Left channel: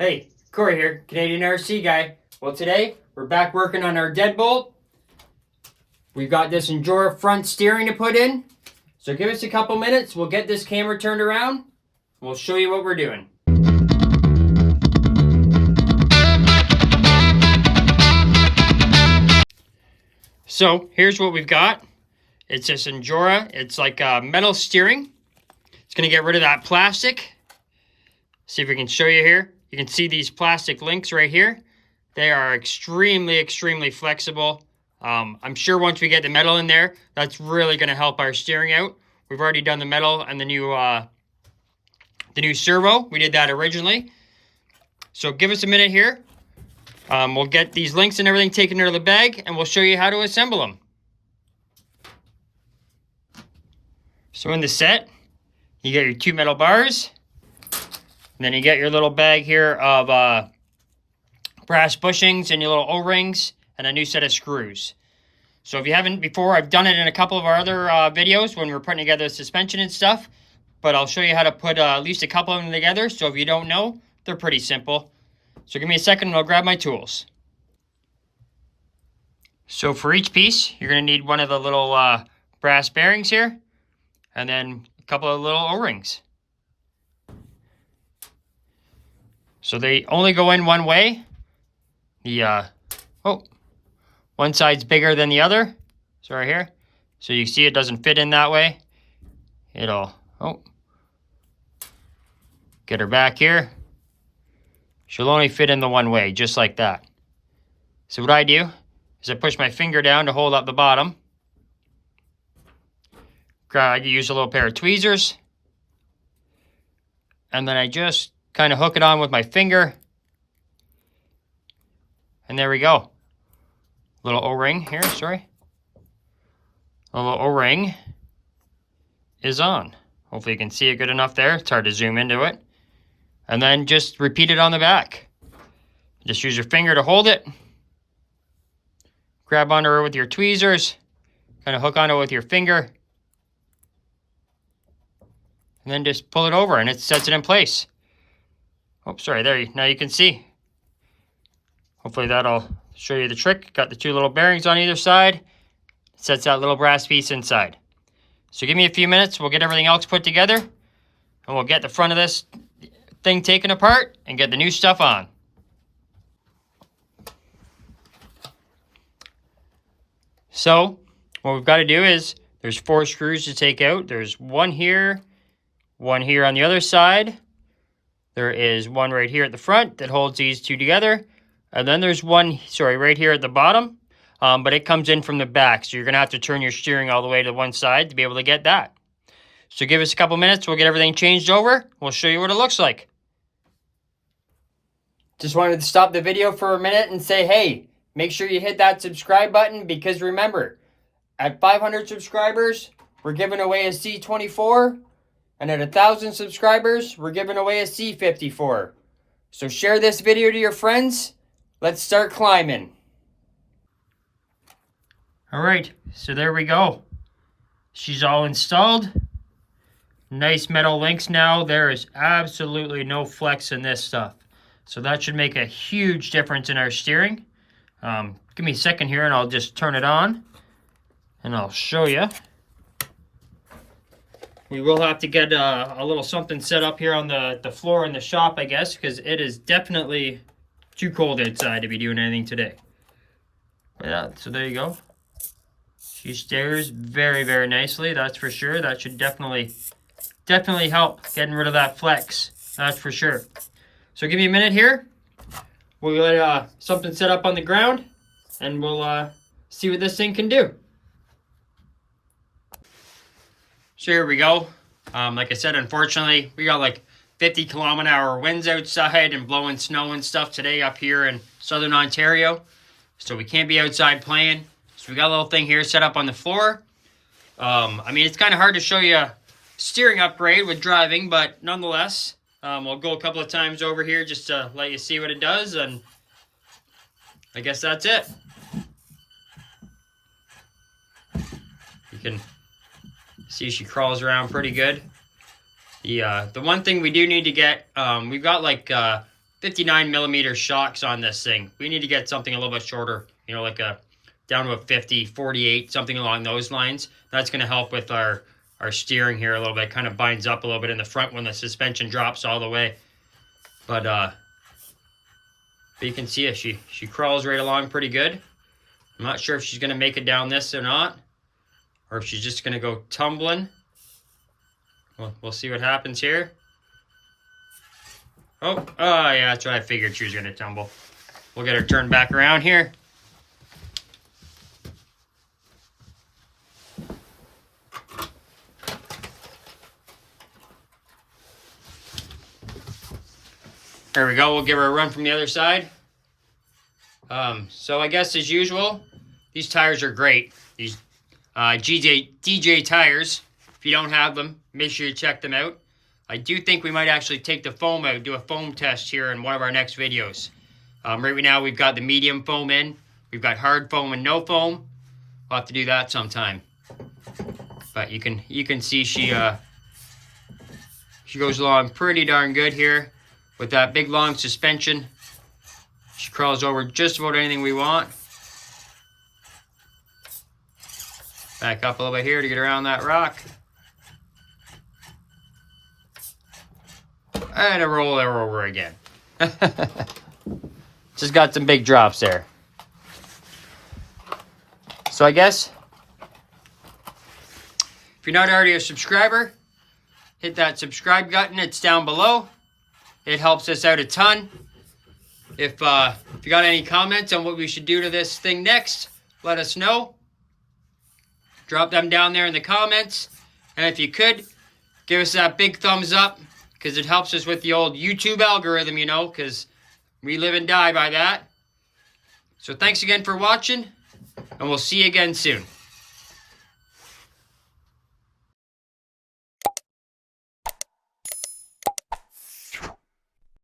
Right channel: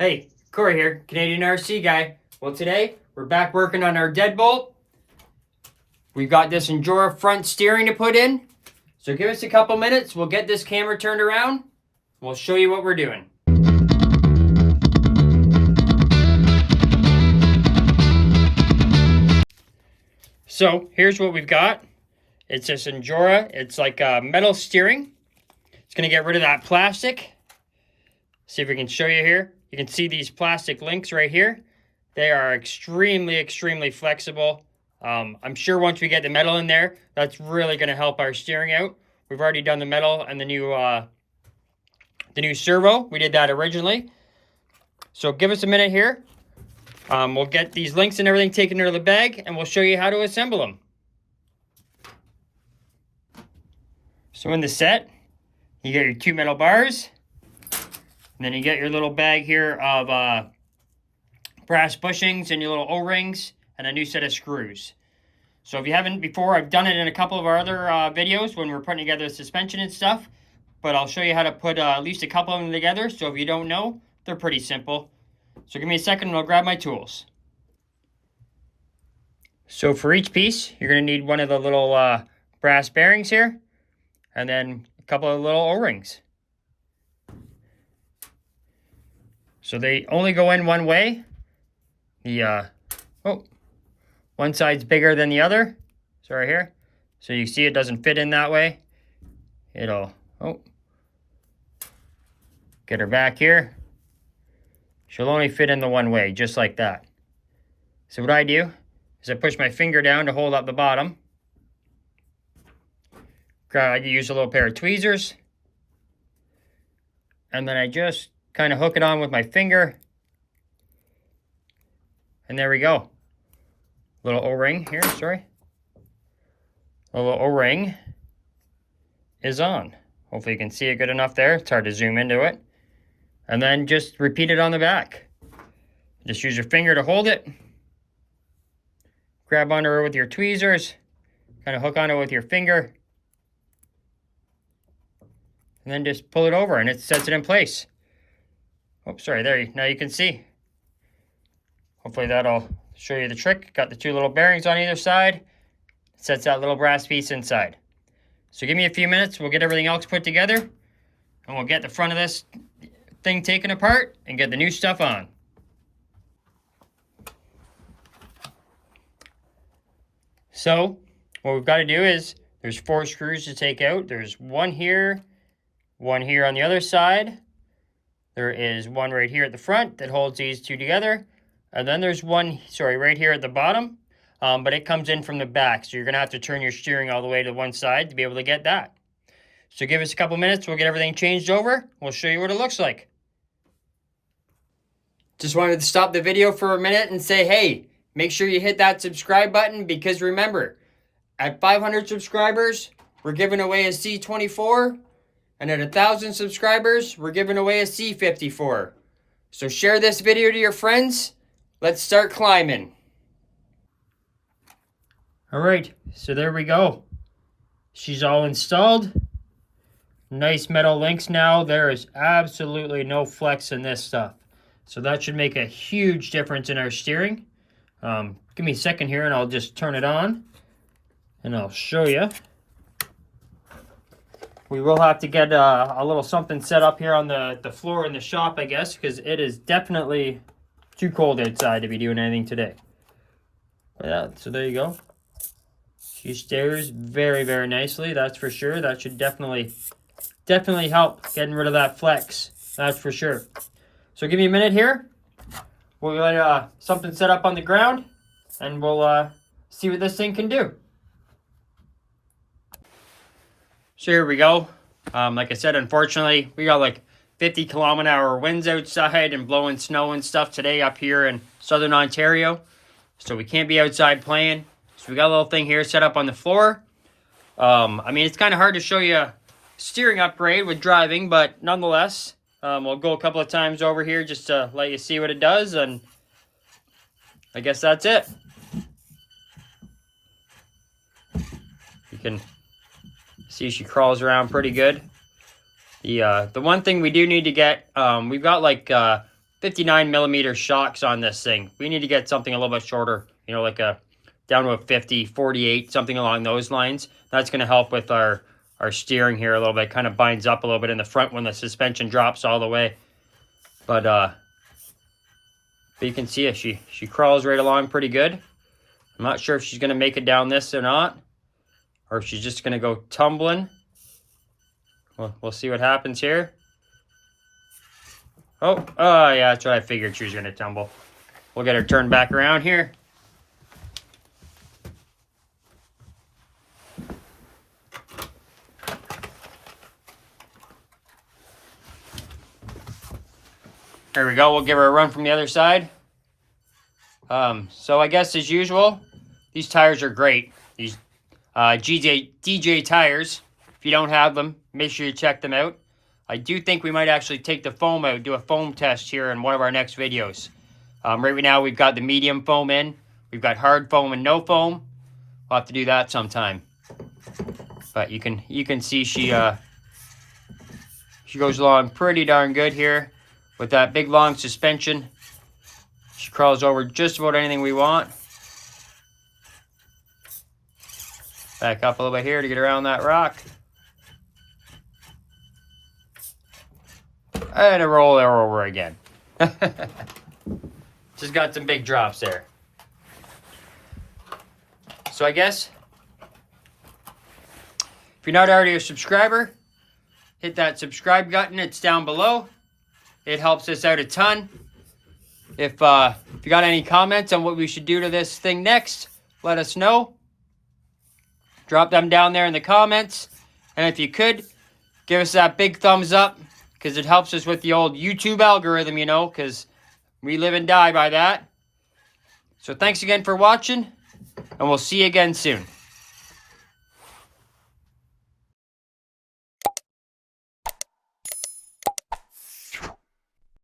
Hey, Corey here, Canadian RC guy. Well, today we're back working on our Deadbolt. We've got this Injora front steering to put in. So give us a couple minutes, we'll get this camera turned around. We'll show you what we're doing. So here's what we've got. It's this Injora. It's like a metal steering. It's going to get rid of that plastic. See if we can show you here. You can see these plastic links right here. They are extremely flexible. I'm sure once we get the metal in there, that's really going to help our steering out. We've already done the metal and the new servo. We did that originally. So give us a minute here. We'll get these links and everything taken out of the bag, and we'll show you how to assemble them. So in the set, you get your two metal bars. And then you get your little bag here of brass bushings and your little O-rings and a new set of screws. So if you haven't before, I've done it in a couple of our other videos when we're putting together suspension and stuff. But I'll show you how to put at least a couple of them together. So if you don't know, they're pretty simple. So give me a second and I'll grab my tools. So for each piece, you're going to need one of the little brass bearings here. And then a couple of little O-rings. So they only go in one way. One side's bigger than the other. So right here. So you see it doesn't fit in that way. It'll, get her back here. She'll only fit in the one way, just like that. So what I do is I push my finger down to hold up the bottom. I use a little pair of tweezers. And then I just kind of hook it on with my finger. And there we go. Little O-ring here, sorry. A little O-ring is on. Hopefully you can see it good enough there. It's hard to zoom into it. And then just repeat it on the back. Just use your finger to hold it. Grab onto her with your tweezers. Kind of hook onto it with your finger. And then just pull it over and it sets it in place. Oh, sorry, there, now you can see. Hopefully that'll show you the trick. Got the two little bearings on either side. It sets that little brass piece inside. So give me a few minutes, we'll get everything else put together, and we'll get the front of this thing taken apart and get the new stuff on. So what we've got to do is, there's 4 screws to take out. There's one here on the other side. There is one right here at the front that holds these two together. And then there's one, right here at the bottom. But it comes in from the back. So you're going to have to turn your steering all the way to one side to be able to get that. So give us a couple minutes. We'll get everything changed over. We'll show you what it looks like. Just wanted to stop the video for a minute and say, hey, make sure you hit that subscribe button. Because remember, at 500 subscribers, we're giving away a C24. And at 1,000 subscribers, we're giving away a C54. So share this video to your friends. Let's start climbing. All right, so there we go. She's all installed. Nice metal links now. There is absolutely no flex in this stuff. So that should make a huge difference in our steering. Give me a second here and I'll just turn it on. And I'll show you. We will have to get a little something set up here on the floor in the shop, I guess, because it is definitely too cold outside to be doing anything today. Yeah, so there you go. She steers very nicely, that's for sure. That should definitely help getting rid of that flex. That's for sure. So give me a minute here. We'll get something set up on the ground, and we'll see what this thing can do. So here we go. Like I said, unfortunately, we got like 50-kilometer-hour winds outside and blowing snow and stuff today up here in southern Ontario. So we can't be outside playing. So we got a little thing here set up on the floor. I mean, it's kind of hard to show you a steering upgrade with driving, but nonetheless, we'll go a couple of times over here just to let you see what it does, and I guess that's it. You can see she crawls around pretty good. The one thing we do need to get, we've got like 59 millimeter shocks on this thing. We need to get something a little bit shorter, you know, like a down to a 50, 48, something along those lines. That's going to help with our steering here a little bit. Kind of binds up a little bit in the front when the suspension drops all the way. But you can see it. She crawls right along pretty good. I'm not sure if she's going to make it down this or not, or if she's just going to go tumbling. We'll see what happens here. Oh, yeah, that's what I figured, she was going to tumble. We'll get her turned back around here. There we go. We'll give her a run from the other side. So I guess as usual, these tires are great. These DJ tires. If you don't have them, make sure you check them out. I do think we might actually take the foam out, do a foam test here in one of our next videos. Right now we've got the medium foam in. We've got hard foam and no foam. We'll have to do that sometime. But you can see she goes along pretty darn good here with that big long suspension. She crawls over just about anything we want. Back up a little bit here to get around that rock. And a roll her over again. Just got some big drops there. So I guess, if you're not already a subscriber, hit that subscribe button. It's down below. It helps us out a ton. If you got any comments on what we should do to this thing next, let us know. Drop them down there in the comments. And if you could, give us that big thumbs up, because it helps us with the old YouTube algorithm, you know, because we live and die by that. So thanks again for watching, and we'll see you again soon.